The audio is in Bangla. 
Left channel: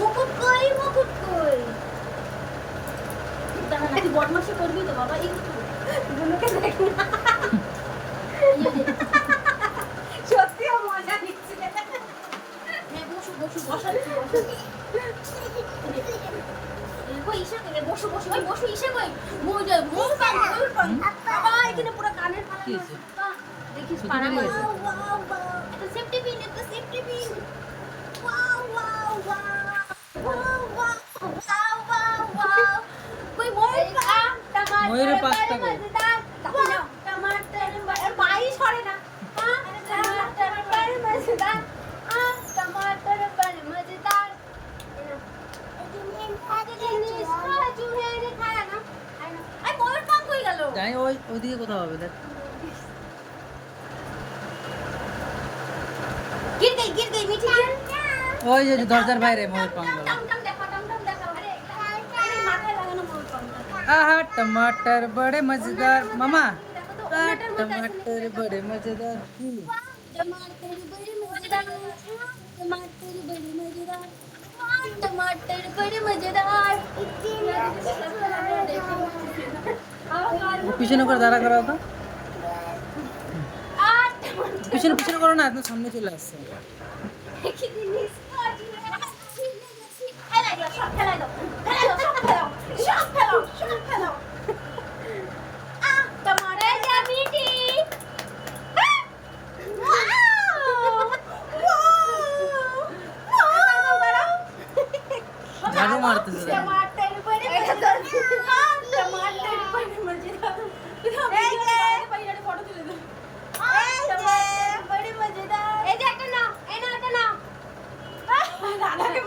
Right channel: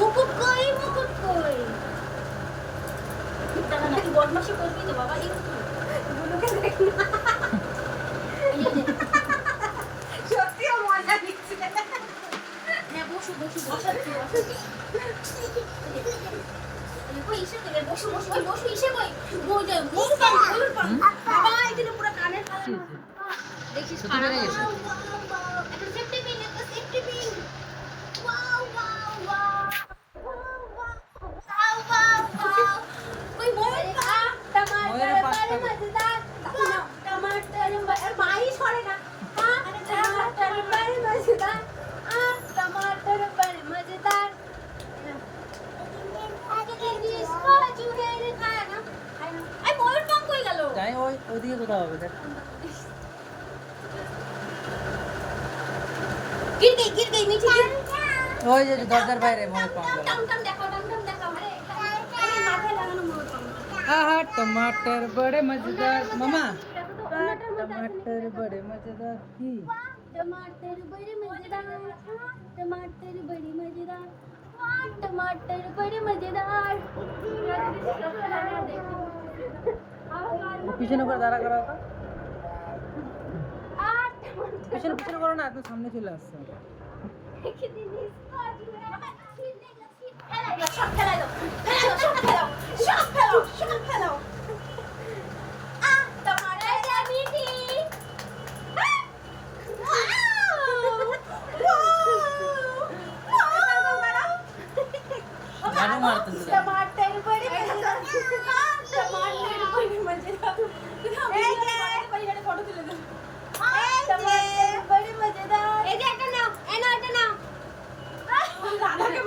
মুকুট কই মুকুট কই জানা না তুই বদমাশি করবি তো বাবা কিন্তু দুনুকে দেখ না সত্যিও মজা নিচ্ছে বসু বসু বসাচ্ছি বসাচ্ছি কই ইসে করে বসু বসু কই বসু ইসে কই মোজা মুখ পান মোর পান বাবা এটা পুরো কানের ফালা দেখিস পাড়া গেছে ওয়াও ওয়াও একটা safety pin wow wow wow wow wow wow wow কই ময়ূরের পাঁচটা কই टमाटर माई छोड़े ना टमाटर पर मजेदार टमाटर पर मजेदार है ना जिनिस काजू है रे खाया ना आई ময়ূর পান কই গেল যাই ওইদিকে কোথাও হবে দেখ गिर गई नीचे ওই যে দরজার বাইরে ময়ূর পান গেল टम देखाओ अरे माथा लगानो मयूर पान आहा टमाटर बड़े मजेदार मामा टमाटर बड़े मजेदार टमाटर बड़े मजेदार टमाटर बड़े मजेदार পিছনে করে দাঁড়া করা তো পিছনে করো না একদম সামনে চলে আসছে ঝাড়ু মারতেছে टमाटर बड़े मजेदार फोटो तुले दे टमाटर बड़े मजेदार ए ना राधा के